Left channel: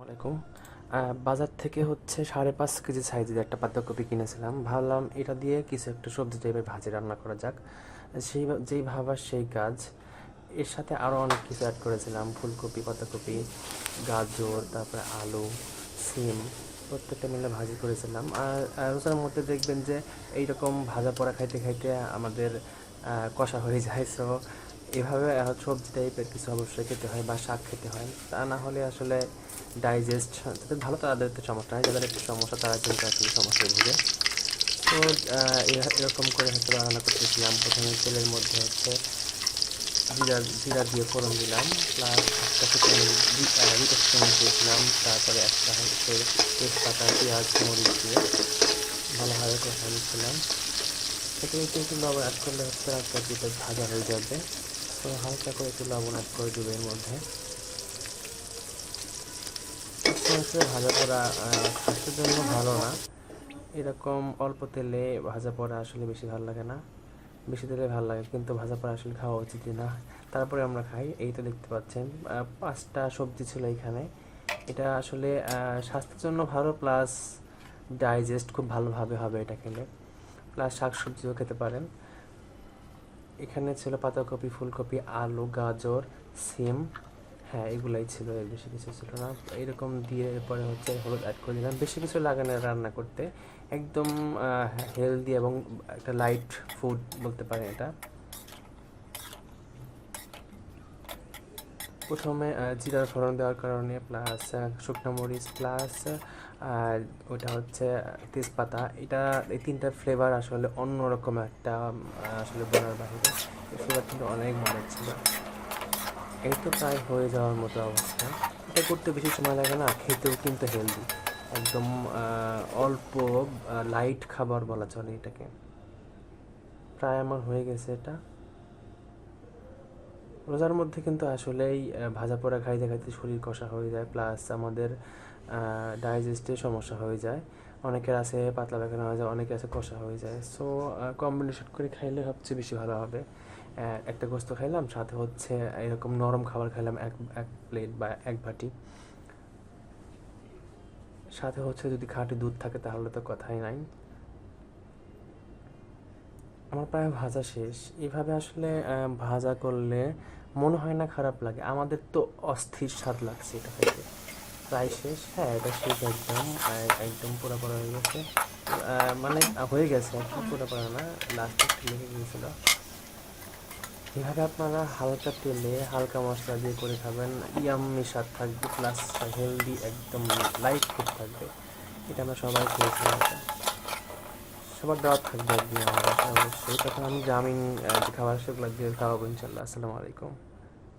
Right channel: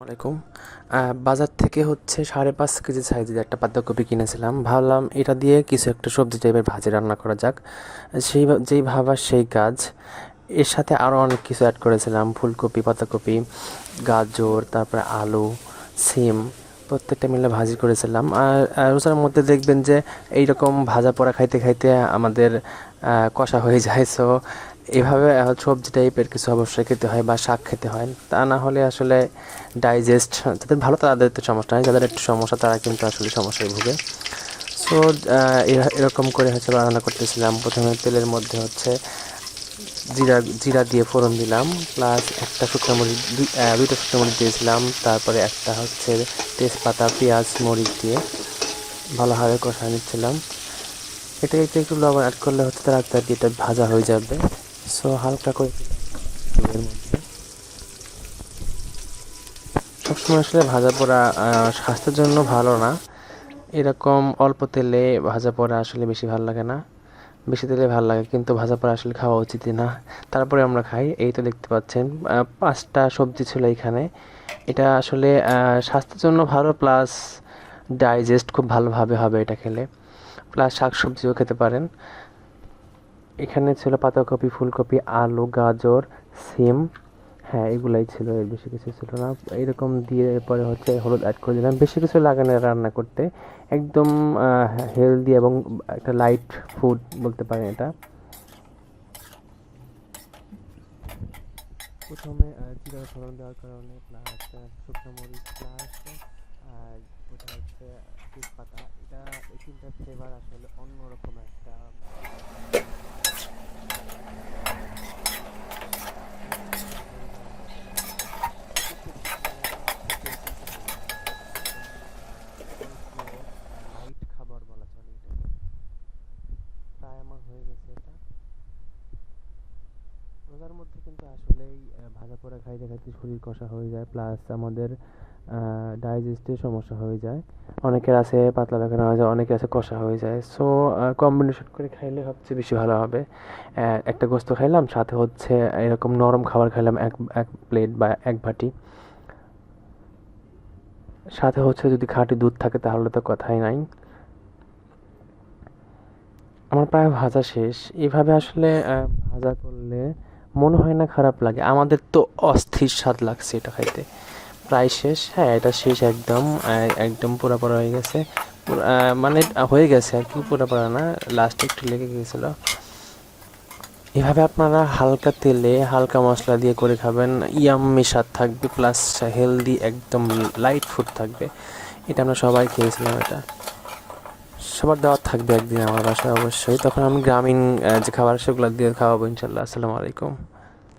আসসালামাইকুম। বাজার থেকে হচ্ছে 5.5 কেজি সাইজের একটা পাতাকপি কিনেছিলাম। ভাবলাম এটা দিয়ে কিছু একটা সবজি টাইপের ভাজি রান্না করা যাক। যেই ভাবা সেই কাজ। এর সাথে আরও অনেক কিছু অ্যাড করেছিলাম, ফুলকপি, পাতাকপি, গাজর, তারপরে আলু, সিম, প্রত্যেকটা মিলে ভাজি করেছিলাম। আর রোজার মধ্যে দেখবেন যে এইরকম ভাজা পোড়া খাইতে খাইতে আমাদের কষা হয়ে যায়। সো এভাবে সবজি টাইপের কিছু অবশ্যই খেতে হয় বা শাক খেতে হয়, তা না হলে আসলে ডাইজেস্ট যাদের ভালো তাদের তো সমস্যা হয়, যাদের একটু সমস্যা তারা কিন্তু আসলে সমস্যায় ভুগে। সো এরকম করে হচ্ছে রান্না করতেছিলাম। প্রথমে তেলের মধ্যে হচ্ছে জিরা জিরা দিয়ে ফোড়ন দিলাম, প্লাস একটা শুকনো মরিচ, দুইটা শুকনো মরিচ দিয়েছিলাম। তারপরে একটা হচ্ছে তেজপাতা, পেঁয়াজ, মরিচ দিয়ে ভালোভাবে কষায় নিচ্ছিলাম। এতে একটু লবণ অ্যাড করলে হচ্ছে তাড়াতাড়ি এটা ভাজা হয়ে যাবে। সো হালকা করে একটু লবণ অ্যাড করে দিই এর মধ্যে। সবসময় আসলে ভাজা পোড়া স্বাস্থ্যের জন্য ভালো না। এরকম অল্প তেলে ভাজা পোড়া আসলে বেশি ভালো লাগে না। বেশি তেলে ভালো লাগে, কিন্তু ভাজা পোড়া আসলে খাওয়া উচিতই না। তারপরে আমরা খাই। এই তো দেখতে পাচ্ছেন 5টা সবজি ছিল এখানে। এটা আসলে স্বাস্থ্যের জন্য ভালো, প্লাস ডাইজেস্ট খুব ভালোভাবে হবে এটা খেলে। প্লাস শাকসবজিও খেতে পারেন। এখানে ছিল পাতাকপি, ফুলকপি, আলু, গাজর, সিম। হ্যাঁ, এগুলাই ছিল, এর বেশি কিছু ছিল না। এরকম দিয়ে পরে হচ্ছে হলুদ অ্যাড করে দিলাম। বেশি কিছু লাগে না রান্না করতে, একদম হেলদি এবং একটা লাইট ফুড বলতে পারেন এটা। প্রথমে জিরার ফোড়ন দেওয়ার কারণে, প্লাস শুকনো মরিচ, প্লাস আর ওটা হচ্ছে তেজপাতা, এটা এই তিনটা ফ্লেভার আসলে অন্যরকম একটা আসলে ফ্লেভার কিন্তু অনেক ভালো ছিল। এই তো প্রায় হয়ে যাওয়ার মতো অবস্থা। এটা করতে বেশি সময় লাগে না, খেতেও কিন্তু হেলদি, একদম অল্প লাইট খাবার বলা চলে এটাকে। প্রায় আমার হয়ে গেছে এটা। রোজার মধ্যে কিন্তু আসলেই ভাজা পোড়া খাইতে খাইতে শরীর কষা হয়ে যায়, প্লাস আমাদের ডাইজেস্টের সমস্যা হয়ে যায়। অনেকের আছে পাতলা পায়খানা হয়ে যায়, অনেকের আছে কষা হয়ে যায়। সো কম্বিনেশন করে খাইলে সবচেয়ে বেশি ভালো হবে। একটা গোস্ত খাইলাম, সাথে হচ্ছে এরকম নরম খাবার খাইলাম এক এক প্লেট বা এক বাটি। সাথে হচ্ছে যদি খাঁটি দুধ থাকে তাহলে তো কথাই নাই। আমার প্রায় ভাজা শেষ। এভাবে আসলে ভাজা করলে মনে হয় না খারাপ লাগে। আমাদের তো অস্থির স্বাদ লাগছে এটা খাইতে। প্রায় শেষ। হ্যাঁ, এটা শেষ একদম। একদম পুরা পুরা হয়ে গেছে। মানে হয়ে গেছে আর কি, পুরা পুরা না, লাস্টে একটু লেগে গিয়েছিল। এভাবে আপনারা হালকা তেলে হালকা মশলা দিয়ে করে খাবেন, ইয়াম্মি স্বাদ থাকবে, প্লাস হেলদি, একদম লাইট ফুড থাকবে। এটা আমরা সবাই খেয়েছিলাম। এটা সবার দাওয়াত থাকবে একদিন আমার বাসায় অবশ্যই। তখন আমি গ্রামীণ যে খাবার সেগুলো দিয়ে খাওয়াবো ইনশাল্লাহ। আসসালামু আলাইকুম।